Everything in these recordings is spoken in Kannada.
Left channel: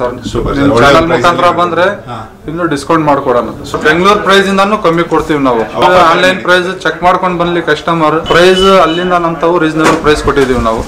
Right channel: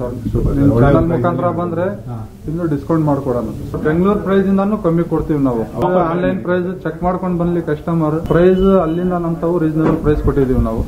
ಚಾನಲ್ ಮುಖಾಂತರ ಬಂದ್ರೆ ಇನ್ನು ಡಿಸ್ಕೌಂಟ್ ಮಾಡ್ಕೊಡೋಣ. ಬೆಂಗಳೂರು ಪ್ರೈಸ್ ಇಂದಾನು ಕಮ್ಮಿ ಕೊಡ್ತೀವಿ ನಾವು. ಆನ್ಲೈನ್ ಪ್ರೈಸ್ ಚೆಕ್ ಮಾಡ್ಕೊಂಡು ಬನ್ನಿ ಕಸ್ಟಮರ್. ಪ್ರೈಸ್ ಅಲ್ಲಿಂದ ನಮ್ತಾವು ರೀಸನಬಲ್ ಪ್ರೈಸ್ ಕೊಟ್ಟಿದೀವಿ ನಾವು.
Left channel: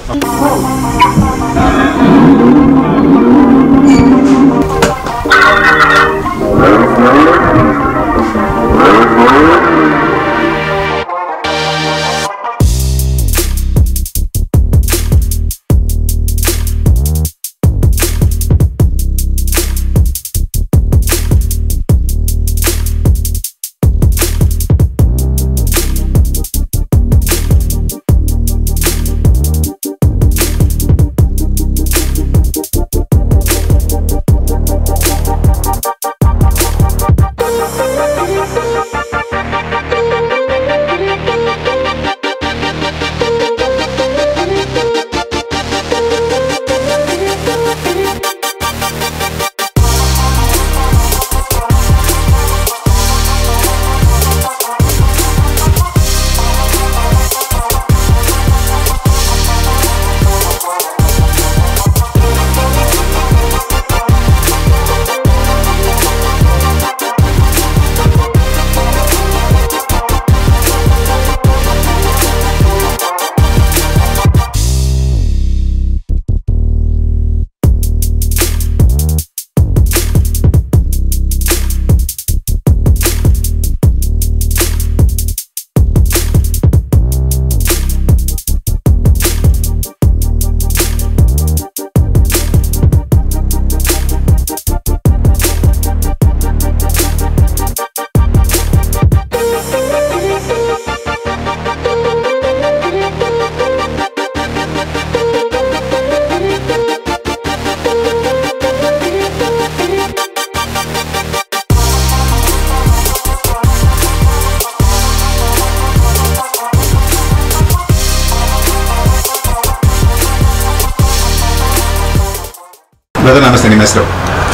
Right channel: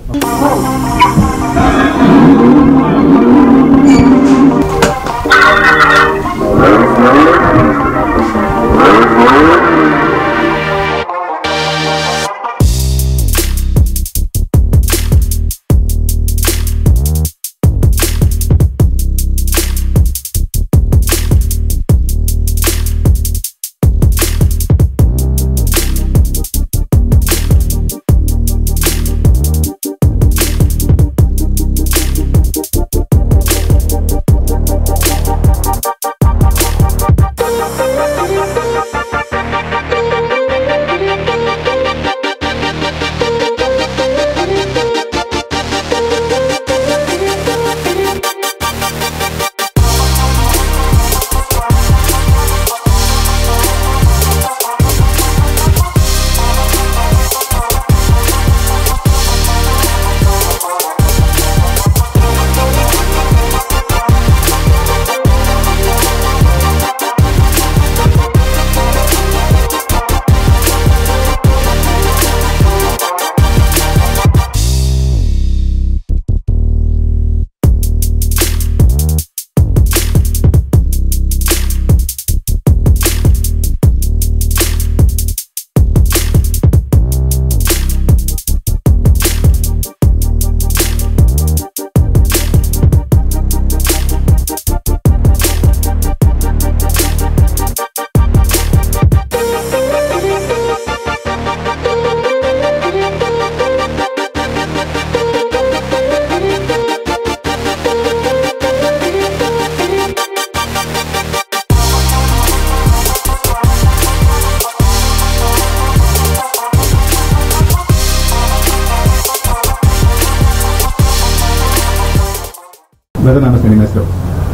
ನಮಸ್ತೆ, ನಿಮ್ಮ ಹೆಸರು?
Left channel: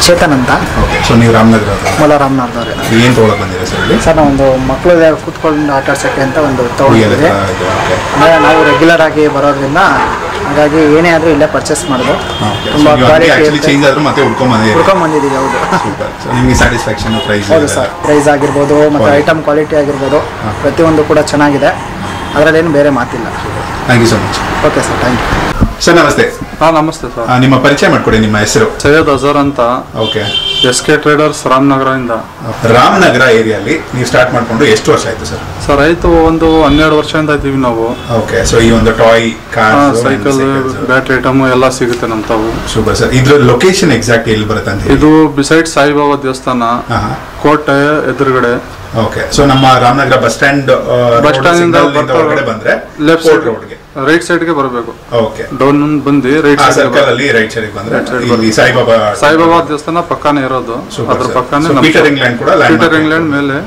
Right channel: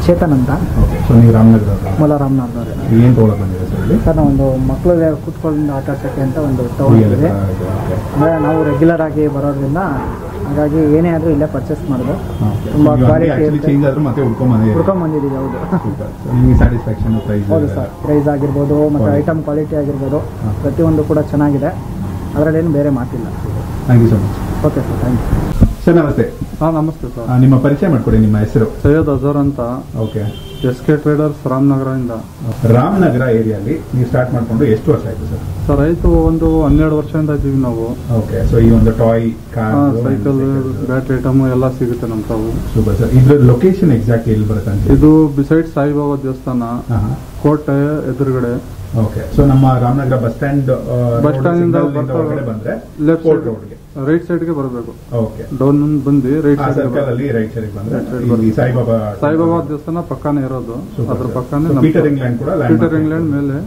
ಚೇತನ್ ಅಂತ. ಓಕೆ, ಸೊ ನೀವು ರಾಮನಗರ ಮೂಲ ರಾಮನಗರದವ್ರೆ. ಏನು ತೊಗೊಳಕ್ಕೆ ಬಂದಿದೆ ಸರ್ ಇಲ್ಲಿ? ಸರ್, ನಾವು ಒಂದು ಮಕ್ಕಳು ಕೂತ್ಕೊಂಡು ಆಟ ಆಡ್ಸೋಕ್ಕೆ ಅಂತ ಒಂದು ತೊಗೊಂಡಿದ್ದೀವಿ. ಅಂದರೆ ನಾವು ರೆಗ್ಯುಲರ್ ಆಗಿ ಬರೋದ್ರಿಂದ ಹಾಗಾಗಿ ಏನೇ ಆದರೂ ಇಲ್ಲೇ ಪರ್ಚೇಸ್ ಮಾಡೋದು. ತುಂಬ ಕ್ವಾಲಿಟಿ ಚೇಂಜ್ ಆದರೂ ಮತ್ತೆ ಹುಡ್ಕೊಂಡ್ಬಂದಿದ್ದೀವಿ. ಹೌದು. ನಿಮಗೆ ಸ್ಯಾಟಿಸ್ಫ್ಯಾಕ್ಷನ್ ಪ್ರೈಸ್? ಹೌದು ಸರ್, ಪ್ರೈಸ್ ಆಗಿರ್ಬೋದು ಮತ್ತು ಐಟಮ್ ಕ್ವಾಲಿಟಿ ಆಗಿರ್ಬೋದು ಪ್ರತಿಯೊಂದು ಕೂಡ ಚೆನ್ನಾಗಿದೆ. ಅದರಲ್ಲೇನು ಬೇರೆ ಮಾತಿಲ್ಲ. Thank you so much. Okay sir, thank you. Sir ನಮಸ್ತೆ. ನಮಸ್ತೆ ಸರ್. ನಿಮ್ಮ ಪರಿಚಯ ಮಾಡ್ಕೊಡಿ, ನಿಮ್ಮ ಹೆಸರು? ಸೈಯದ್ ಅಜರ್ ಅಂತ. ಓಕೆ. SK ಟ್ರೇಡರ್ಸ್ ರಾಮನಗರದಿಂದ. ರಾಮನಗರ ಏರಿಯಲ್ಲಿ ನೀವು ಸ್ಟಾರ್ಟ್ ಮಾಡ್ಕೊಂಡು ಎಷ್ಟು ವರ್ಷ ಆಯ್ತು ಸರ್? ಸರ್ ಆಯ್ತು, ಒಂದು 12 ವರ್ಷದಿಂದ ಇದ್ದೀವಿ ನಾವು. ಓಕೆ, ಸೊ ಈ ಒಂದು toy, car, cycle, battery item ಎಲ್ಲ ಸಿಗುತ್ತೆ ನಮ್ಮ ತಾವು. Super sir. ಇದ್ರ ಲೊಕೇಶನ್ ಎಕ್ಸಾಕ್ಟ್ ಎಲ್ಲಿ ಬರುತ್ತೆ ಅಂತ? ಇದು ಬಿಸೈಡ್ ಸಾಯಿಬಾಬಾ ದೇವಸ್ಥಾನ, ಕೋಟೆ ಎದುರುಗಡೆ. ಓಕೆ, ಸೊ ನಮ್ಮ ರಾಮನಗರ ಬಸ್ ಸ್ಟ್ಯಾಂಡ್ ಹೊರಗಡೆ ಬಂದ್ರೆ ಲೆಫ್ಟ್ ಸೈಡ್ ರೋಡ್ಗೆ ರೈಟ್ ಸೈಡ್ ಗೆ ಬರಬೇಕು. ಓಕೆ, ಡೌನ್ ಬಂದು ರೈಟ್ ಸರ್ಕಲ್ ಅಲ್ಲಿ ರೈಟ್ ಸೈಡ್ ಬಂದ್ರೆ ಇಲ್ಲಿ ಸಾಯಿಬಾಬಾ ದೇವಸ್ಥಾನ ಪಕ್ಕನೇ ಇರೋದು. ಅದ್ರ ಪಕ್ಕನೇ ಪೀಟರ್ ಇಂಗ್ಲೆಂಡ್ ಕೂಡ. ಪೀಟರ್ ಇಂಗ್ಲೆಂಡ್ ಮೇಲೆ.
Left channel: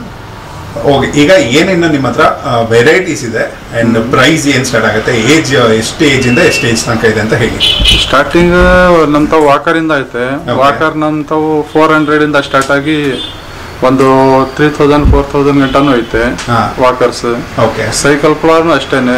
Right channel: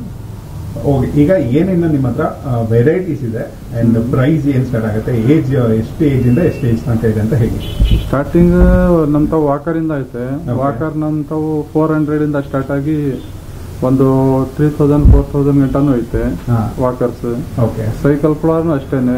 ಓಕೆ, ಈಗ ಏನೇನು ನಿಮ್ಮ ಹತ್ರ ವೆರೈಟೀಸ್ ಇದೆ ಅಂಡ್ ಪ್ರೈಸ್ ಏನ್ ಸ್ಟಾರ್ಟ್ ಆಗುತ್ತೆ? ಏಜ್ ಎಷ್ಟು ಏಜ್ ಇಂದ ಎಷ್ಟು ಏಜ್ ತನಕ ಇದೆ ಅಂತ ಹೇಳಿ. ಸ್ಟಾರ್ಟಿಂಗ್ ನಮ್ ತಾವು ವಾಕರ್ ಇಂದ ಐತೆ. ವಾಕರ್ ನಮ್ ತಾವು 400 ಇಂದ ಸ್ಟಾರ್ಟ್ ಆಗಿ ಒಂದು 3000 4000 ಗಂಟನೂ ಐತೆ ವಾಕರ್ಸ್. ಓಕೆ. ಸೈಕಲ್ ಕೂಡ ಅಷ್ಟೇನೆ,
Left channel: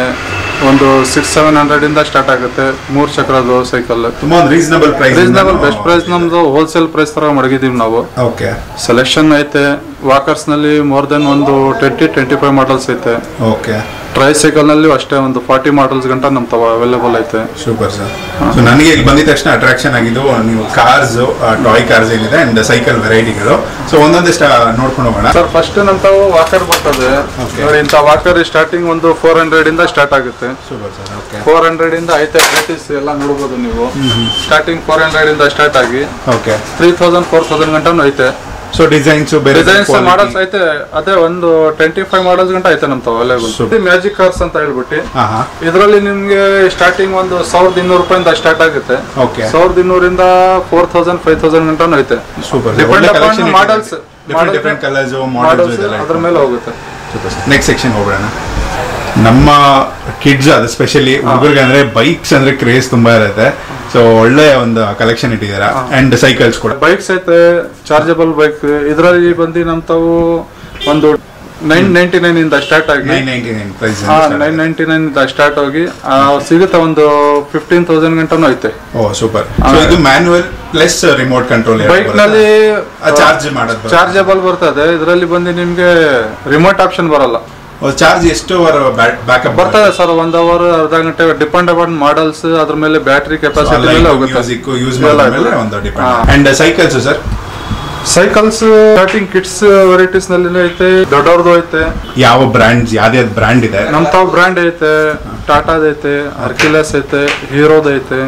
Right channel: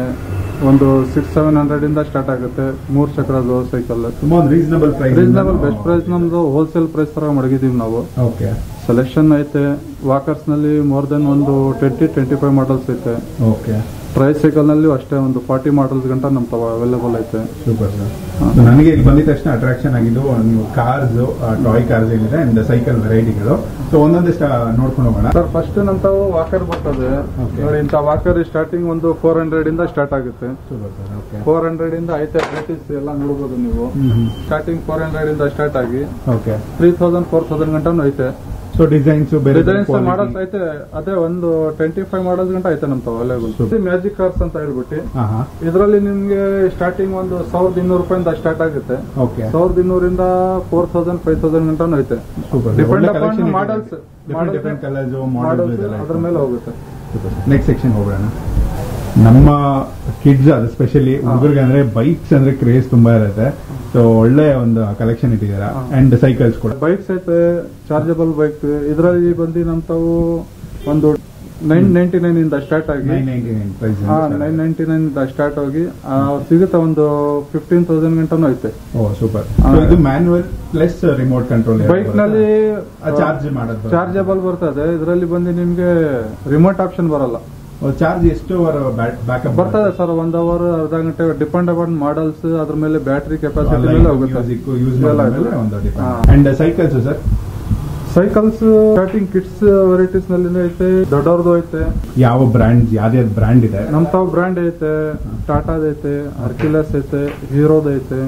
ಒಂದು 600-700 ಇಂದ ಸ್ಟಾರ್ಟ್ ಆಗುತ್ತೆ. 3 ಚಕ್ರದ್ದು ಸೈಕಲ್. ತುಂಬಾ reasonable price. Reasonable best price. ನಮ್ದು ಹೋಲ್ಸೇಲ್ ಪ್ರೈಸ್ ತರ ಮಡಗಿದೀವಿ ನಾವು. ಓಕೆ. ಸೆಲೆಕ್ಷನ್ ಐತೆ ವಾಕರ್ಸ್ ನಲ್ಲಿ. ಮೋರ್ ದೆನ್ ಒಂದು 20-25 ಮಾಡಲ್ಸ್ ಐತೆ. ಓಕೆ. ಟ್ರೈ ಸೈಕಲ್ ನಲ್ಲಿ ಅಷ್ಟೇ ಒಂದು 40 ಮಾಡಲ್ಸ್ ಗಂಟ ನಮ್ ತವ ಅವೈಲೇಬಲ್ ಐತೆ. Super sir. ಸೊ ನನಗೆ ಇಲ್ಲಿ ಬಂದಿದ ತಕ್ಷಣ ಅಟ್ರಾಕ್ಷನ್ ಆಗಿದ್ದು ನೀವು ಕಾರ್ಸ್, ಟಾಯ್ ಕಾರ್ಸ್ ಏನಿದೆ ಅಂಡ್ ಸೈಕಲ್ ವೆರೈಟಿಗಳು. ಸೊ ಒಂದೊಂದಿಷ್ಟ ನೋಡ್ಕೊಂಡು ಹೋಗೋಣ ಸರ್. ಫಸ್ಟ್ ನಮ್ ತಾವು ವಾಕರ್ ಬರ್ತದೆ ನೋಡಿ. ಇಂಥ ವಾಕರ್ ಸ್ಟಾರ್ಟಿಂಗ್ ಒಂದು 400 ಇಂದ ಸ್ಟಾರ್ಟ್ ಆಗುತ್ತೆ. Super sir. ಓಕೆ. 400 ಇಂದ ಐತೆ ವೆರೈಟೀಸ್ ಎಲ್ಲ ನೋಡಬಹುದು ನೀವು. ಸ್ಟಾರ್ಟಿಂಗ್ 400 ಇಂದ ಸ್ಟಾರ್ಟ್ ಆಗಿ ಓಕೆ 3000-4000 ಗಂಟನೂ ಐತೆ. ಸೊ ಡಿಸೈನ್ಸ್ ಮಾಡಲ್ಸ್ ಐತೆ. ಅದೇ ಒಂದು 25 ಮಾಡಲ್ಸ್ ಗಂಟ ಐತೆ ನಮ್ ತಾವು ಅವೈಲೇಬಲ್. ಮ್ಯಾಜಿಕ್ ಕಾರ್ಸ್ ಅಂತ ಹೇಳ್ಬಿಟ್ಟು ಇದರಲ್ಲಿ ನಿಮ್ಗೆ ಸ್ಟಾರ್ಟಿಂಗ್ ಒಂದು 1200 ರೂಪಾಯಿಂದ ಸ್ಟಾರ್ಟ್ ಆಗುತ್ತೆ. 1200 ಇಂದ 4000-5000 ಗಂಟನೂ ಐತೆ. Depend upon models, different colours, models ಅದ್ರ ಮೇಲೆ ಹೋಗುತ್ತೆ. ನೆಕ್ಸ್ಟ್ ಸೆಕ್ಷನ್ ಹೋಗೋಣ. ನಮ್ಮ ಕಿಡ್ಸ್ ಅದು ಸ್ಪೆಷಲಿ ಹುಡುಗರಿಗೆ ಅಂದ್ರೆ ಬೈಕ್ಸ್ ಅಂದ್ರೆ ಕ್ರೇಜ್ ತುಂಬಾ ಇರುತ್ತೆ. ಸೊ ಒಳ್ಳೆ ಒಂದು ಕಲೆಕ್ಷನ್ ಇಟ್ಟಿದ್ದೀರಾ. ಅಂಡ್ ಸೈಕಲ್ಸ್ ಕೂಡ ಬೈಕ್ಸ್ ಐತೆ, ಚಾರ್ಜಬಲ್ ಬೈಕ್. ಇದರಲ್ಲಿ ಬಂದು ನಮ್ ತಾವು ಒಂದು 999 ಇಂದ ಸ್ಟಾರ್ಟ್ ಆಗಿ 999 ಇಂದ ಸ್ಟಾರ್ಟ್ ಆಗಿ ಸಿಗುತ್ತೆ ಒಂದು 15,000 ಗಂಟನೂ ಐತೆ. ಓ ಸೂಪರ್. ಇದು manual plus remote control. Bike ನಲ್ಲಿ ಚಾರ್ಜಬಲ್ ಬರ್ತದೆ, ಇದರಲ್ಲಿ ಬಂದು ನಿಮ್ಗೆ ರಿಮೋಟ್ ಆಪ್ಷನ್ ಬರಲ್ಲ. ಚಾರ್ಜ್ ಎಷ್ಟು ಬ್ಯಾಕಪ್ ಬರ್ತದೆ ಸರ್? 1 ಅವರ್, ಅರ್ಧ ಗಂಟೆ, ಡಿಪೆಂಡ್ ಅಪಾನ್ ಮಾಡಲ್ಸ್, ಅದ್ರ ಮೇಲೆ ಬ್ಯಾಟರಿ ಕೆಪಾಸಿಟಿ ಮೇಲೆ ಹೋಗುತ್ತೆ. And cycles sir? Cycles starting kids varieties ನಲ್ಲಿ ಐತೆ, ದೊಡ್ಡವ್ರದ್ದು ಐತೆ. ಯಾವ ಬ್ರ್ಯಾಂಡ್, ಯಾವ್ದು ಬ್ರ್ಯಾಂಡ್ ಇದೆ? ನಮ್ ತಾವ್ ಬ್ರ್ಯಾಂಡ್ ಐತೆ, ಟಾಟಾದ ಐತೆ, ಹರ್ಕ್ಯುಲಸ್ ಐತೆ, ಹೀರೋದ ಐತೆ.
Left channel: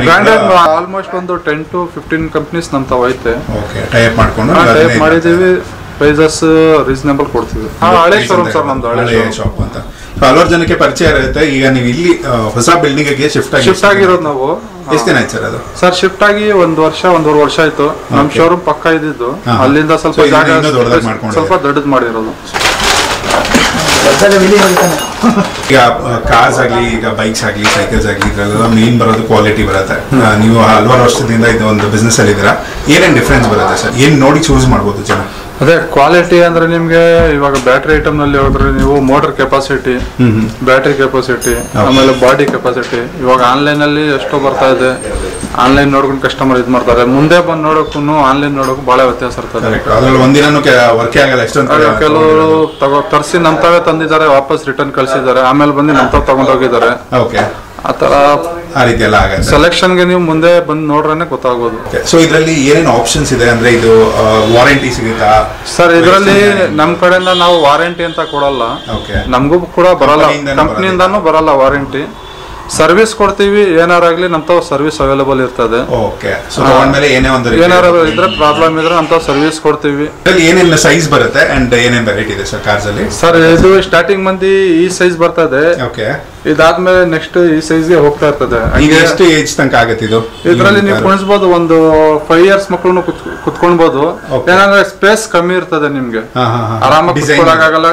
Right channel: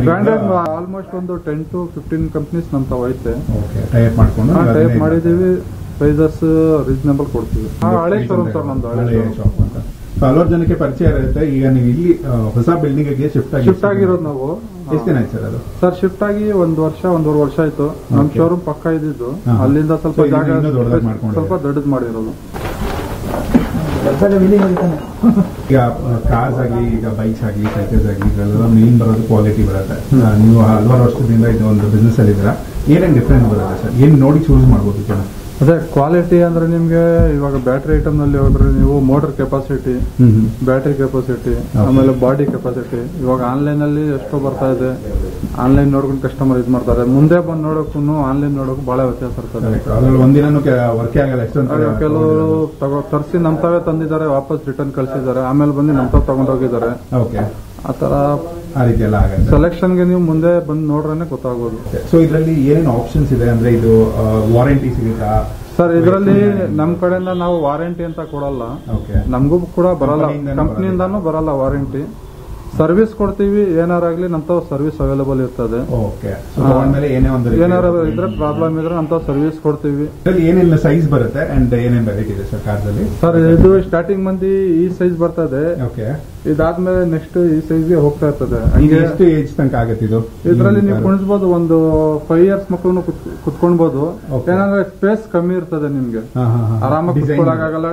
ಬ್ರ್ಯಾಂಡೆಡ್ ಆಲ್ಮೋಸ್ಟ್ ಒಂದು 10 to 15 ಕಂಪನೀಸ್ ನಮ್ ತಾವ್ ಐತೆ. ಟೈಪ್ ಮಾಡಿದೀವಿ. ಪ್ರೈಸಸ್ ರೀಸನೇಬಲ್ ಕೊಡ್ತೀವಿ. ಹಳೆ ಶೋರೂಮ್ ಸರ್ ನಮ್ದು, ಹಳೆ ಶಾಪ್ ಅಂತ. ಹಲವಾರು ಜನಕ್ಕೆ ಪರಿಚಯ ಇರುತ್ತೆ. ಈಗ ನೀವು ಇಲ್ಲಿ ಹೊಸ ಬಿಲ್ಡಿಂಗ್ ಗೆ ಶಿಫ್ಟ್ ಆಗಿರೋದು ನಾವು. ಎಷ್ಟು ದಿನ ಆಯ್ತು ಸರ್ ಅದು? ಸರ್ ಶಿಫ್ಟ್ ಆಗಿ 1.5 ವರ್ಷ ಆಯ್ತು. ನಮ್ ಶೋರೂಮ್ ಪಕ್ಕ ಇದ್ದಿದ್ದು, ಅಲ್ಲಿಂದ ಸ್ವಲ್ಪ ದೊಡ್ಡದು ಮಾಡಿರೋದು. ಈಗ ಕಾರ್ಸ್ ಆಗ್ಲಿ, ಈಗ ಬೈಕ್ಸ್ ಆಗ್ಲಿ, ಸೈಕಲ್ಸ್ ಆಗ್ಲಿ, ಇದ್ರಲ್ಲೆಲ್ಲ ಮೇನ್ ಬರೋದು ಕ್ವಾಲಿಟಿ ಬರುತ್ತೆ. ನೀವು ಹಲವಾರು ವರ್ಷದಿಂದ ಇದು ಒಂದು ಬಿಸ್ನೆಸ್ ಅಲ್ಲಿ ಇದ್ದೀರಾ, ಏನೇನು ಡಿಫ್ರೆನ್ಸ್ ಬರುತ್ತೆ ಸರ್? ಏನ್ ನೋಡಿ ಚೂಸ್ ಮಾಡ್ಬೋದು ಜನ? ಅದೇ ಕ್ವಾಲಿಟಿ ಅಂದ್ರೆ ನಿಮ್ಗೆ ಇವಾಗ ಬ್ಯಾಟ್ರಿ ಐಟಮ್ ನಲ್ಲಿ ಹೋದ್ರೆ ನೀವು ಮೋಟರ್ ಕೆಪಾಸಿಟಿ, ಬ್ಯಾಟ್ರಿ ಕೆಪಾಸಿಟಿ, ಆಮೇಲೆ ಬಾಡಿ ಕೆಪಾಸಿಟಿ. ಇವಾಗ ಆನ್ಲೈನ್ ಅಲ್ಲಿ ಎಷ್ಟೋ ಬರ್ತಾ ಇದೆ, ಆನ್ಲೈನ್ ನೋಡ್ಕೊಂಡು ಕಸ್ಟಮರ್ ಇದ್ ಮಾಡ್ತಾರೆ. ಮುಂದೆ ಬಂದು ನೋಡೋಕ್ಕೂ ಆನ್ಲೈನ್ ನೋಡೋಕು ಬಹಳ ವ್ಯತ್ಯಾಸ ಇರ್ತದೆ. ಕೆಲವರು ತರಿಸಿ ನಮ್ ತಾವೇ ತಂದಿದ್ದಾರೆ, ವಾಪಸ್ ರಿಟರ್ನ್ ಕಳ್ಸಿದ್ದಾರೆ, ಆಮೇಲೆ ಬಂದು ನಮ್ ತಾವ್ ತಗೊಂಡೋಗಿದ್ದಾರೆ. ಆತರ ಆ ರೀತಿ ಎಲ್ಲ ಆಗುತ್ತೆ. ಸೆಲೆಕ್ಷನ್ ಗೆ ನೀವು ಮುಂದೆ ಬಂದು ನೋಡ್ರೇನೆ ಗೊತ್ತಾಗೋದು. ಸೊ ಇದರಲ್ಲಿ ಏನೇನು ಆಪ್ಷನ್ಸ್ ಇದೆ ಅಂದ್ರೆ, ಇದು ವಾರಂಟಿ ಸಿಗುತ್ತಾ ಸರ್? ಇದರಲ್ಲಿ ನಮ್ ಕಡೆಯಿಂದ ನಾವು ವಾರಂಟಿ ಅಂತ ಕೊಡಲ್ಲ, ನಮಗೂ ಕೂಡ ಬರಲ್ಲ, ಕಂಪ್ನಿಯಿಂದಾನು ಬರಲ್ಲ ವಾರಂಟಿ. ಸರ್ವಿಸ್ ಕೊಡ್ತೀವಿ, ಏನಾರಾಗ್ಲಿ ನಮ್ ತಾವ್ ಸರ್ವಿಸ್ ಅವೈಲೇಬಲ್ ಇರ್ತದೆ. ಏನಾರ ಇದ್ರೆ ಪ್ರಾಬ್ಲಮ್ ಇದ್ರೆ ನಮ್ ತಾವ್ ಸರ್ವಿಸ್ ಕೊಡ್ತೀವಿ. ಏನೇನು ಸೈಜ್ ಬರುತ್ತೆ ಅಂಡ್ ಏನೇನು ವೆರೈಟಿ ಇದೆ ಸರ್ ಕಾರ್ಸ್ ಅಲ್ಲಿ? ಸರ್ ಇದು ಸ್ಟಾರ್ಟಿಂಗ್ ಮಂದಿ ಈ ಸೈಜ್ ಬರ್ತದೆ, ಇದಾದ್ಮೇಲೆ ನೆಕ್ಸ್ಟ್ ಈ ಸೈಜ್ ಗೆ ಹೋಗ್ತಾ ಇರ್ತದೆ. ಎಷ್ಟು ಏಜ್ ತನಕ ಆಗುತ್ತೆ ಇದು? ಇದ್ರಲ್ಲಿ ನೀವು ಕುಣಿಸ್ಬೋದು, ಒಂದು 5 years ಮಕ್ಕಳು ಕುತ್ಕೊಳ್ಬಹುದು. ಏನಂದ್ರೆ ಸ್ಪೇಸ್ ಕಮ್ಮಿ ಇರ್ತದೆ, ನಿಮ್ಗೆ ಆರಾಮಾಗಿ ಕುತ್ಕೊಳ್ಳೋಕ್ಕಾಗಲ್ಲ,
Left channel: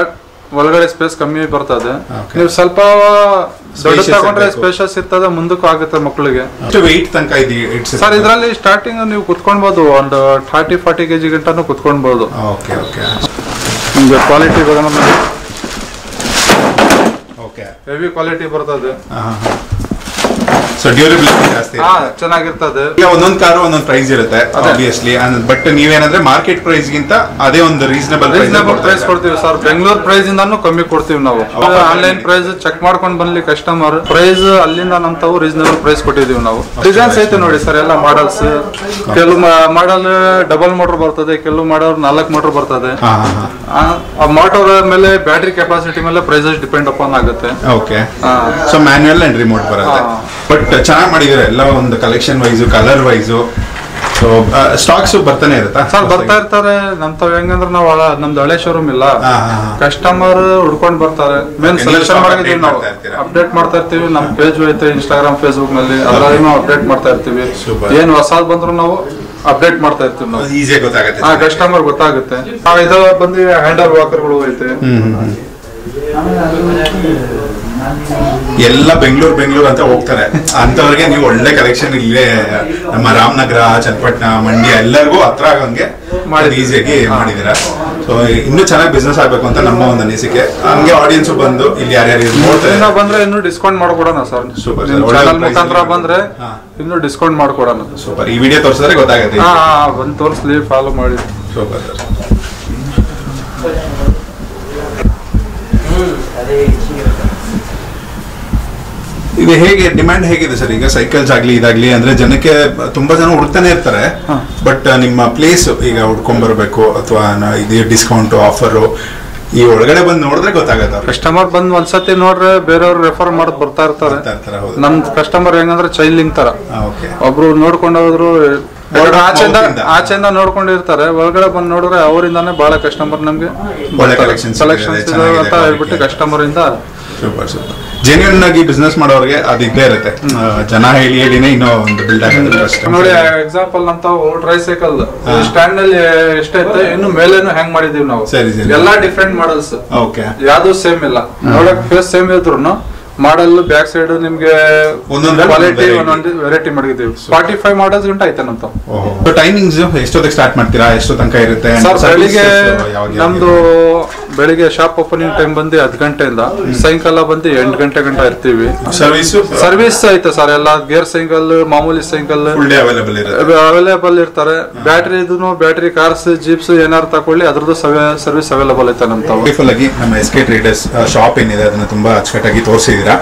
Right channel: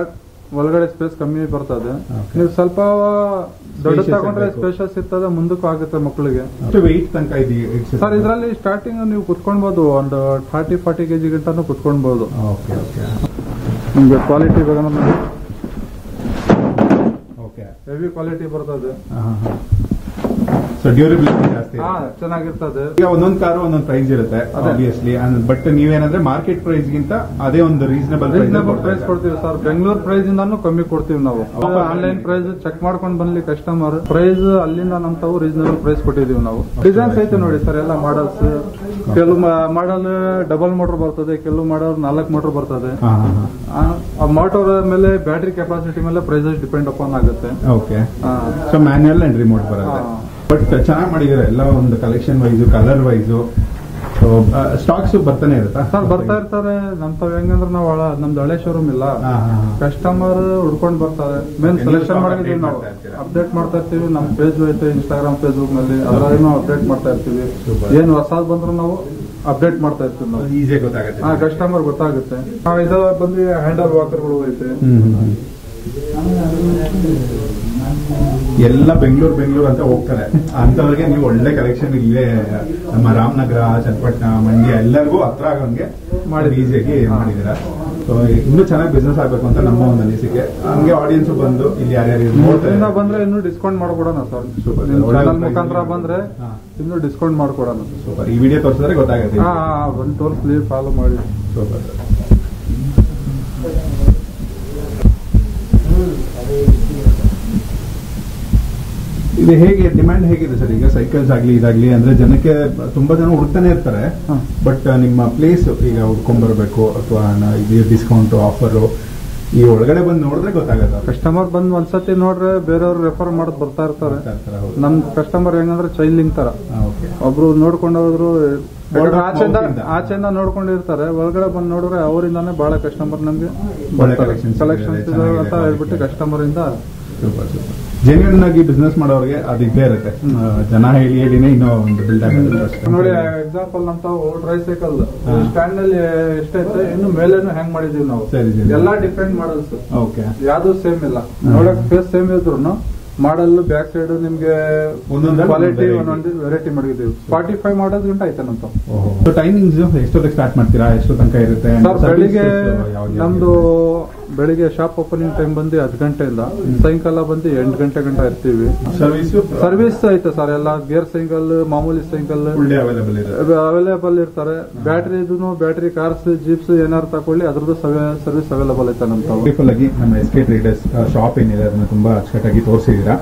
ಒಳಗಡೆ ಸ್ಪೇಸ್ ಕಮ್ಮಿ ಬರ್ತದೆ. ನೀವು ಸ್ವಲ್ಪ ದೊಡ್ಡ ತಗೊಂಡ್ರೆ ಸ್ಪೇಷಸ್ ಇರ್ತದೆ, ಮುಂದಕ್ಕೂ ಆಗುತ್ತೆ ಮಕ್ಕಳಿಗೆ. ಸರ್ ಇದರಲ್ಲಿ ಸ್ಟಾರ್ಟಿಂಗ್ ನೀವು ಕುತ್ಕೊಳ್ಬಹುದು, ಒಂದು 30-40 kg ಗಂಟನೂ ಕುತ್ಕೊಳ್ಬಹುದು. ನಿಮ್ಗೆ ಕ್ವಾಲಿಟಿ ಹೆವಿ ಕ್ವಾಲಿಟಿ ಬರ್ತದೆ. ಸೊ ಡ್ಯೂರಬಿಲಿಟಿ ಜಾಸ್ತಿ ಚೆನ್ನಾಗಿರ್ತದೆ. ಈಗ ಒಂದೊಂದು ಕಾರು ಒಂದೊಂದು ಪ್ರೈಸ್ ಇರುತ್ತೆ ಆಬ್ವಿಯಸ್ಲಿ, ಬಟ್ ನೀವೇನಂದ್ರೆ ಮಾರ್ಕೆಟ್ ಪ್ರೈಸ್ ಗಿಂತ ಅದೇ ಒಂದು ರೀಸನಬಲ್ ಪ್ರೈಸ್ ಕೊಡ್ತೀವಿ ಸರ್. ಬೆಂಗಳೂರು ಪ್ರೈಸ್ ಇಂದಾನು ಕಮ್ಮಿ ಕೊಡ್ತೀವಿ ನಾವು. ಆನ್ಲೈನ್ ಪ್ರೈಸ್ ಚೆಕ್ ಮಾಡ್ಕೊಂಡು ಬಂದ್ಲಿ ಕಸ್ಟಮರ್, ಪ್ರೈಸ್ ಅಲ್ಲಿಂದ ನಮ್ ತಾವು ರೀಸನಬಲ್ ಪ್ರೈಸ್ ಕೊಟ್ಟಿದೀವಿ ನಾವು. ಡಿಸೈನ್ಸ್ ಐತೆ ನೋಡಿ ಸರ್, ಎಲ್ಲ ಮಾಡಲ್ಸ್. ಕೆಲವು ಮಾಡಲ್ ಡಬಲ್ ಮೋಟರ್ ಬರ್ತದೆ, ಕೆಲವು ಮಾಡಲ್ 4 ಮೋಟರ್ ಬರ್ತದೆ. ಆ ಮೋಟರ್ ಮೇಲೆ ಬ್ಯಾಟ್ರಿ ಕೆಪಾಸಿಟಿ ಮೇಲೆ ಪ್ರೈಸಸ್ ಡಿಪೆಂಡ್ ಅಪಾನ್ ಆಗುತ್ತೆ. Okay. So manual and remote ಬರುತ್ತೆ. ಬಟ್ ಚೆನ್ನಾಗಿ ಮಾಡಿದ್ರೆ ಎಲ್ಲ ಒಂದು collection wise, colour wise. So stocks ಬರ್ತಾನೆ ಇರುತ್ತಾ ಸರ್? ಬರ್ತಾ ಇರ್ತಾರೆ. ನಮ್ ತಾವ್ ಹೆಂಗಂದ್ರೆ ನಾವು ನಮ್ದು ಹಳೆ ಶೋರೂಮ್ ಇಲ್ಲ, ಕಸ್ಟಮರ್ ಹುಡ್ಕೊಂಡ್ ಬರ್ತಾರೆ. ಮೇನ್ ಸೆಲೆಕ್ಷನ್ ಮಾಡಿದೀವಿ ನಾವು, ಅಪ್ಡೇಟ್ ಮಾಡ್ತಾ ಇರ್ತೀವಿ. ನಮ್ ಪೇಜ್ ಐತೆ ಇನ್ಸ್ಟಾಗ್ರಾಮ್, ಫೇಸ್ಬುಕ್ ನಲ್ಲಿ, ಅದರಲ್ಲಿ ನಾವು ಅಪ್ಡೇಟ್ ಮಾಡ್ತಾ ಇರ್ತೀವಿ. ಏನ್ ಹೊಸದ್ ಬಂದ್ರು ನಾವು ಅಪ್ಡೇಟ್ ಮಾಡ್ತಾ ಇರ್ತೀವಿ ನಾವು. ಈಸಿಯಾಗಿ ಗೊತ್ತಾಗುತ್ತೆ, ಕಸ್ಟಮರ್ ಗೊತ್ತಾಗುತ್ತೆ. ಇದು ಬಂದು ಹ್ಯಾಂಡಲ್ ವಾಕರ್ಗಳು ಐತೆ. ಎಲ್ಲ ಬೆಂಗಳೂರು ಅಂತ ಹೋಗ್ತಾರೆ, ಅಂತವ್ರಿಗೆ ನೀವು ಒಳ್ಳೆ ಕಲೆಕ್ಷನ್ ಇಲ್ಲೇ ನಮ್ಮ ರಾಮನಗರ, ಚನ್ನಪಟ್ಟಣ, ಮಂಡ್ಯ ಎಲ್ಲರಿಗೂ ಹತ್ರ ಆಗಂಗೆ ಈಸಿಯಾಗಿ ಮಾಡಿದೀರಾ. ಸೊ ಇನ್ನೂ ಚೆನ್ನಾಗಿ ಬಿಸ್ನೆಸ್ ಆಗ್ಬೇಕು ಅಂತ ನಮ್ಮ ಒಂದು ಅನಿಸಿಕೆ. ಹಂಗೆ ಆಡಿಯನ್ಸ್ ಬಂದು ಇಲ್ಲಿ ಯಾರ್ಯಾರು ನೋಡ್ತಾರೆ ಬಂದ್ರೆ ಇನ್ನೂ ಡಿಸ್ಕೌಂಟ್ ಮಾಡ್ಕೊಡೋಣ ಸರ್. ಸೂಪರ್. ಚಾನಲ್ ಮುಖಾಂತರ ಬಂದ್ರೆ ಇನ್ನೂ ಡಿಸ್ಕೌಂಟ್ ಮಾಡ್ಕೊಡೋಣ. ಸೂಪರ್. ಈ ವಿಡಿಯೋ ತೋರಿಸಿದ್ರೆ ಗೊತ್ತಾಗುತ್ತೆ. ಬಂದು ತೋರಿಸ್ಲಿ, ಫಾಲೋ ಮಾಡಿ. Super sir. ಇದು ಹೇಗೆ ಡಿಮ್ಯಾಂಡ್ ಹೇಗಿದೆ ಸರ್ ಈಗ ಸೈಕಲ್ಸ್ ಆಗ್ಲಿ ಇದಾಗ್ಲಿ? ಅಂದ್ರೆ ಜನಕ್ಕೆ ತುಂಬಾ ಜನ ಹುಡುಕ್ತಾನೆ ಇರ್ತಾರೆ, ಬಟ್ ನಿಮ್ಮ ಪ್ಲೇಸ್ ಈಗ ಹುಡ್ಕೊಂಡ್ ಬರ್ಬೇಕು ಅಥವಾ ಇದು ಡಿಸ್ಕೌಂಟ್ ಆಫರ್ ಈ ಒಳಗಡೆ ಬಂದು ನೋಡಿದ್ರೆ ಗೊತ್ತಾಗತ್ತ. ಕಸ್ಟಮರ್ ಬಂದ್ ಒಂದ್ಸತಿ ನೋಡ್ರೆ ಬೇರೆಯವ್ರು ರೆಫರ್ ಮಾಡೋದು ಬರ್ತಾ ಇರ್ತಾರೆ. ನಮ್ ಕಸ್ಟಮರ್ ಹೆಂಗಂದ್ರೆ ಚೈಲ್ಡಿಂಗ್ ತರ, ಒಬ್ರು ನೋಡ್ಕೊಂಡು ಹೋದ್ರು ಆಚೆಯಿಂದ ನೋಡ್ಕೊಂಡಿರ್ತಾರೆ, ಒಳಗಡೆ ಬಂದು ನೋಡಿದ್ರೆ ಅವರಿಂದಾನೇ ಬಹಳ ಕಸ್ಟಮರ್ ನಮ್ಗೆ ಸೆಲೆಕ್ಷನ್ಸ್ ಅಂತ ಹೇಳ್ಬಿಟ್ಟು ಕಸ್ಟಮರ್ ಇಂದ. Super super. ಜೆನ್ಯೂನ್ ಆಗಿ ಬಿಸ್ನೆಸ್ ಮಾಡೋರಿಗೆ ಅದು ಇದ್ದೇ ಇರುತ್ತೆ. ಜನ ಹೇಳಿನೇ ಇನ್ನೂ ಒಂದು ಬಿಲ್ಡ್ ಆಗುತ್ತೆ. ನೋಡಿ ಎಕ್ಸಾಂಪಲ್ ನಮ್ ತಾವು ಟ್ರೈಸೈಕಲ್ ಸ್ಟ್ಯಾಂಡ್ ನಲ್ಲಿ ಎಷ್ಟೈತೆ, ಇನ್ನು ಮೇಲೇನು ಹ್ಯಾಂಗ್ ಮಾಡಿದೀವಿ ನಾವು. ಎಲ್ಲಾ ಡಿಫ್ರೆಂಟ್ ಮಾಡಲ್ಸ್, ಯಾವ್ದು ಸೇಮ್ ಇಲ್ಲ. ನೋಡಕ್ ಫೇಸ್ ಸೇಮ್ ಇದ್ರು ಮಾಡಲ್ ಬ್ಯಾಕ್ ಸೈಡ್ ನಿಮ್ಗೆ ಕ್ವಾಲಿಟಿ ಒಂದೊಂದು ವೆರೈಟಿ ಮಾಡಿದ್ದೀವಿ. 45 ಮಾಡಲ್ಸ್ ಗಂಟ ಐತೆ ನಮ್ದು. ಟೈಮಿಂಗ್ಸ್ ಎಷ್ಟೊತ್ತಿಗೆ ಸ್ಟಾರ್ಟ್ ಮಾಡ್ತೀರಾ, ಎಷ್ಟು ತನಕ ಇರುತ್ತೆ? ಸರ್ ನಮ್ದು ಬೆಳಿಗ್ಗೆ ಶಾಪ್ ಓಪನಿಂಗ್ ಟೈಮ್ ಬಂದು 10 ಗಂಟೆಯಿಂದ ಸಾಯಂಕಾಲ ಬಂದು 8 ಗಂಟೆ ಗಂಟ ಇರ್ತೀವಿ. ಸರ್ವಿಸ್ ಐತೆ ಸರ್, ಎಲ್ಲ ಗೇರ್ ಸೈಕಲ್, ಮಾಮೂಲಿ ಸೈಕಲ್ ಅವೈಲೇಬಲ್ ಇರ್ತಾರೆ. ಬ್ಯಾಟ್ರಿ ಕಾರ್ಸ್, ಜೀಪ್ಸ್ ಏನಾರು ತಕೊಳ್ಳಿ ಅದ್ರದ್ದು ಸರ್ವಿಸ್ ಅವೈಲೇಬಲ್ ಐತೆ ನಮ್ ತಾವು. ನಮ್ಮ SK ಟ್ರೇಡರ್ಸ್ ಶಾಪ್ ಏನಿದೆ ಅದನ್ನ ತುಂಬಾ ಅಚ್ಚುಕಟ್ಟಾಗಿ ತೋರಿಸಿದೀರಾ.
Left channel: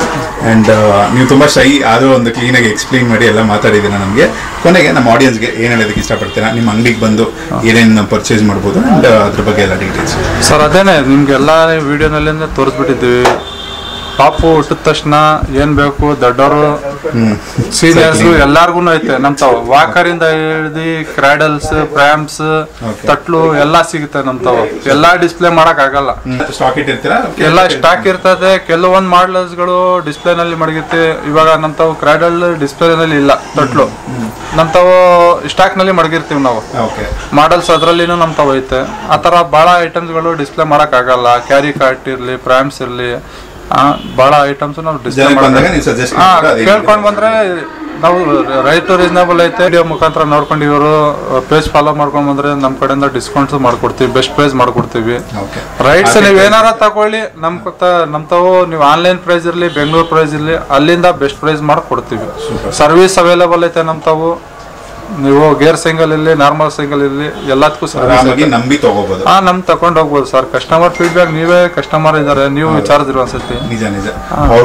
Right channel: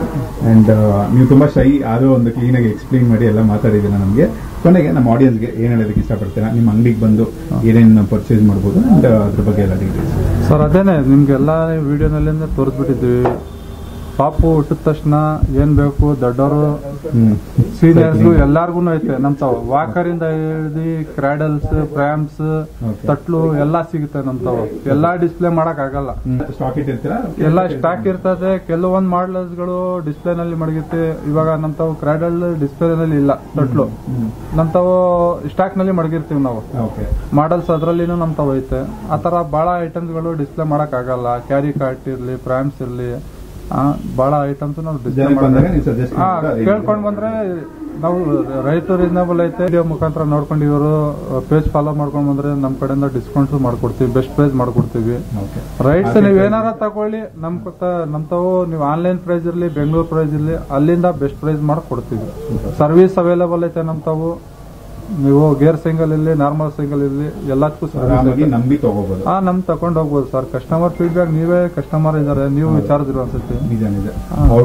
ಅಂಡ್ ನೀವು ತುಂಬಾ ಶೈ ಆದ್ರೂ ಒಂದು ಕ್ಲೀನ್ ಆಗಿ ಎಕ್ಸ್ಪ್ಲೈನ್ ಮಾಡಿ ಎಲ್ಲ ಮಾತಾಡಿದೀರಾ ನಮಗೆ. ಕೊನೆಗೆ ನಮ್ಮ ಆಡಿಯನ್ಸ್ಗೆ ಏನ್ ಹೇಳೋದಕ್ಕೆ ಇಷ್ಟಪಡ್ತೀರಾ? ನಿಮ್ಮ ಅಂಗಡಿಗೆ ಬಂದು ಏನೇನು ಪರ್ಚೇಸ್ ಮಾಡ್ಬೋದು ಅಂಡ್ ಅದ್ರ ಬಗ್ಗೆ ಎಲ್ಲ ಡೀಟೇಲ್ಸ್. ಸರ್ ಅದೇನೆ ನಿಮ್ಗೆಲ್ಲ ವಿಡಿಯೋನಲ್ಲಿ ತೋರಿಸ್ಬಿಟ್ಟಿದ್ದೀವಿ. ಪಾಪು ಹುಟ್ಟಿದ ತಕ್ಷಣ ಏನ್ ಬೇಕು, ದೊಡ್ಡವರು ಸೀನಿಯರ್ಸ್ ಎಲ್ಲಾರ್ಗು ಐತೆ ನಮ್ ತಾವ್. ವಾಕರ್ ಇಂದ ಹಿಡಿದು ಕ್ರಾಡಲ್ಸ್, ಪ್ರ್ಯಾಮ್ಸ್, ತಟ್ಲು ಎಲ್ಲಾ ಸಿಗುತ್ತೆ ನಮ್ ತಾವ್. ಎಲ್ಲಾ ಡಿಸ್ಪ್ಲೇ ಮಾಡಕ್ ಆಗಲ್ಲ, ಎಲ್ಲಾ ಸ್ಟಾಕ್ ಇರ್ತದೆ. ಕೆಲವೊಂದ್ ಮಾಡಲ್ಸ್ ಗಳು ಡಿಸ್ಪ್ಲೇ ನಲ್ಲಿ ಮಡಗುತ್ತೆ. ಇವಾಗ ನಮ್ ತಾವ್ ಕ್ರಾಡಲ್ ಡಿಸ್ಪ್ಲೇ ನಲ್ಲಿ ಇಲ್ಲ, ತಟ್ಲು ನಮ್ ತಾವು ಸ್ಟಾಕ್ ನಲ್ಲಿ ಮಡಗಿರ್ತೀವಿ ನಾವು. ಮಾಡಲ್ಸ್ ಅದ್ರಲ್ಲಿನೂ ನಮ್ ತಾವ್ ಐತೆ. ಆತರ ಬಹಳ ಐಟಮ್ಸ್ ಗಳು ಡಿಸ್ಪ್ಲೇ ಮಾಡಕ್ ಆಗಲ್ಲ. ಕ್ಯಾರಿ ಕಾರ್ಟ್ ಇರ್ಲಿ, ಪ್ರ್ಯಾಮ್ಸ್ ಇರ್ಲಿ, ಬಹಳ ಐಟಮ್ಸ್ ನಾವು ಡಿಸ್ಪ್ಲೇ ಕೇಳ್ಕೊಂಡ್ ಬಂದ್ರೆ ನಾವು ರೈಟ್ ರೀಸನಬಲ್ ಐತೆ. ವಿಡಿಯೋ ಮುಖಾಂತರ ನೋಡ್ಕೊಂಡು ಇವರು ಪೇಜ್ ಫಾಲೋ ಮಾಡ್ಕೊಂಡ್ ಬಂದ್ರೆ ನಮ್ ಕಡೆಯಿಂದ ಡಿಸ್ಕೌಂಟ್ಸ್ ಮಾಡ್ಕೊಡ್ತೀವಿ, ಬೆಸ್ಟ್ ಪ್ರೈಸ್ ಮಾಡ್ಕೊಡ್ತೀವಿ. ರೈಟ್ಸ್ ನೀವ್ ಏನಾರ ತಗೊಳ್ಳಿ, ನಮ್ ತಾವು ನೀವು ಆನ್ಲೈನ್ ಪ್ರೈಸ್ ಇರ್ಲಿ, ಬೆಂಗಳೂರು ಪ್ರೈಸ್ ಇರ್ಲಿ, ಅಲ್ಲಿಂದ ಬೆಸ್ಟ್ ಪ್ರೈಸ್ ಮಾಡ್ಕೊಡ್ತೀವಿ. ಸರ್ವಿಸ್ ಅವೈಲೇಬಲ್ ಐತೆ ನಮ್ ತಾವು. ನೀವು ಗೇರ್ ಸೈಕಲ್ ಇರ್ಲಿ, ನಾರ್ಮಲ್ ಸೈಕಲ್ ಇರ್ಲಿ, ಎಲ್ಲದಕ್ಕೂ ನಂಬಿ ತಗೋಬಹುದು. ನಮ್ ತಕೊಂಡ್ ಹೋಗ್ಬೋದು ಸರ್. ಕಸ್ಟಮರ್ ಫೀಡ್ಬ್ಯಾಕ್, ನೀವೇ ಕಸ್ಟಮರ್ ಇದಾರೆ, ನೀವು ವಿಚಾರಿಸಿದ್ರು ಅನ್ಸುತ್ತೆ. ನಿಜ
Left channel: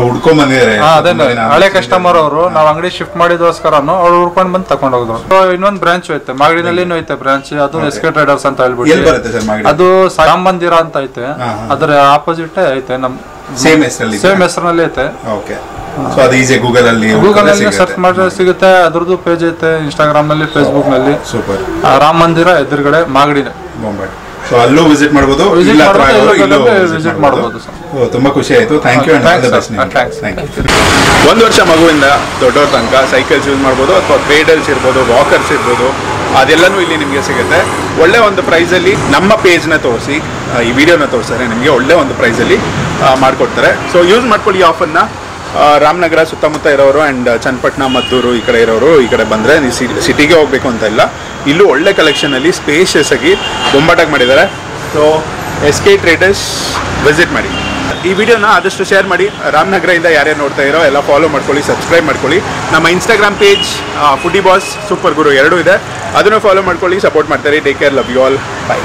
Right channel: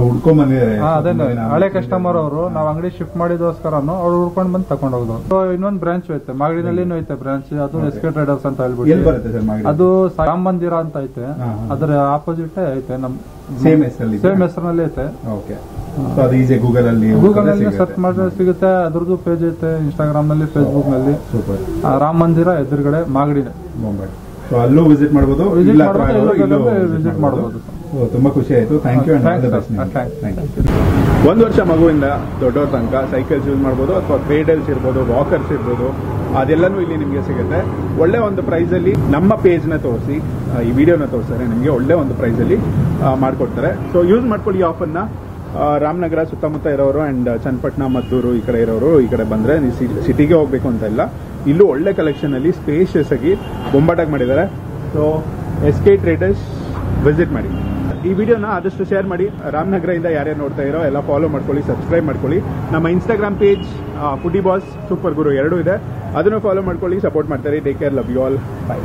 ಹುಡ್ಕೊಂಡ್ ಬಂದಿದ್ದಾರೆ. ಅದೇ ಹಳೆ ಕಸ್ಟಮರ್ ಅವರು, ನಾವ್ ಅಂಗಡಿ ಶಿಫ್ಟ್ ಮಾಡಿದೋಸ್ಕರನು ಅವ್ರು ಹುಡ್ಕೊಂಡ್ ಬಂದು ತಕೊಂಡ್ ಹೋದ್ರು. ಇನ್ನೊಂದ್ ಬ್ರಾಂಚ್ ಐತೆ, ಮಾಗಡಿನಲ್ಲಿ ಐತೆ ಬ್ರಾಂಚ್. ಅದು SK ಟ್ರೇಡರ್ಸ್ ಅಂತ ಹೇಳ್ಬಿಟ್ಟು, ಅದು ರಾಮ ಮಂದಿರ ಅಂತ ಐತೆ. ಅದ್ರ ಆಪೋಸಿಟ್ ಐತೆ, ನಮ್ ಸೇಮ್ ಹೆಸರಿನಲ್ಲಿ ಐತೆ. ಸೊ ಅದು ಈಸಿ ಗೂಗಲ್ ಅಲ್ಲಿ ಸರ್ಚ್ ಮಾಡಿದ್ರೆ ಸಿಗುತ್ತೆ. ಅದ್ರದ್ದು ಪೇಜ್ ಐತೆ ಇನ್ಸ್ಟಾಗ್ರಾಮ್ ನಲ್ಲಿ, ಫೇಸ್ಬುಕ್ ನಲ್ಲಿ. ಸೂಪರ್. ರಾಮ ಮಂದಿರ ಎದುರುಗಡೆ ಮಾಗಡಿ. ಸೊ ಅಲ್ಲೂ ವಿಸಿಟ್ ಮಾಡಬಹುದು, ವಿಸಿಟ್ ಮಾಡಬಹುದು. ತುಂಬಾ ಖುಷಿ ಆಯ್ತು. Thank you. ಒಂದು ವರ್ಷ ಮಗುವಿಂದ ದೊಡ್ಡವ್ರ ತನಕ ಸೈಕಲ್ಸ್ ಯೂಸ್ ಮಾಡ್ಬೋದು, ಅಥವಾ ಪೇಡಲ್ಸ್ ಇರ್ಬೋದು, ವಾಕರ್ಸ್ ಇರ್ಬೋದು, ಅದೆಲ್ಲನೂ ಇಲ್ಲಿ ನಿಮಗೆ ಸಿಗುತ್ತೆ. ಒಳ್ಳೆ ಒಂದು ಪ್ರೈಸಲ್ಲಿ ನಮ್ಮ ಪೇಜ್ನ ತೋರಿಸಿ, ಈ ವಿಡಿಯೋನ ತೋರಿಸ್ತಾರೆ, ನಿಮಗೆ ಒಳ್ಳೆ ಒಂದು ಪ್ರೈಸಲ್ಲಿ ಮಾಡಿಕೊಡ್ತಾರೆ. ಸೊ ಯೂಸ್ ಮಾಡ್ಕೊಳ್ಳಿ ಈ ಆಫರ್ನ. ರಾಮನಗರ ಸುತ್ತಮುತ್ತ ಇರೋರು ಆ್ಯಂಡ್ ಚನ್ನಪಟ್ಟಣ, ಮದ್ದೂರು ಈ ಕಡೆ ಇರೋರು ಈ ಕಡೆ ಬಂದರೆ ನೀವು ಸಿಟಿಗೆ ಹೋಗಬೇಕು ಅಂತ ಇಲ್ಲ. ಇಲ್ಲೂ ಒಳ್ಳೆ ಕಲೆಕ್ಷನಲ್ಲಿ ಸ್ಪೇಷಿಯಸ್ ಆಗಿ ಬೊಂಬಾಟಾಗಿ ಮಾಡಿದ್ದಾರೆ. ಸೊ SK ಟ್ರೇಡರ್ಸ್ ವಿಸಿಟ್ ಮಾಡಿ. ಈ ವಿಡಿಯೋನ ಆದಷ್ಟು ಶೇರ್ ಮಾಡಿ. ರಾಮನಗರದಿಂದ ಯಾರ್ಯಾರು ನೋಡ್ತಾ ಇರೋ ಎಲ್ಲ ಫಾಲೋ ಮಾಡ್ಕೊಳ್ಳಿ, ಸಬ್ಸ್ಕ್ರೈಬ್ ಮಾಡ್ಕೊಳ್ಳಿ. ನಮ್ಮ Instagram page foodie boss super guru 2 ಇದೆ, ಅದನ್ನು ಫಾಲೋ ಮಾಡ್ಕೊಳ್ಳಿ, ಸಪೋರ್ಟ್ ಮಾಡ್ತಾರೆ. Take care, love you all, by.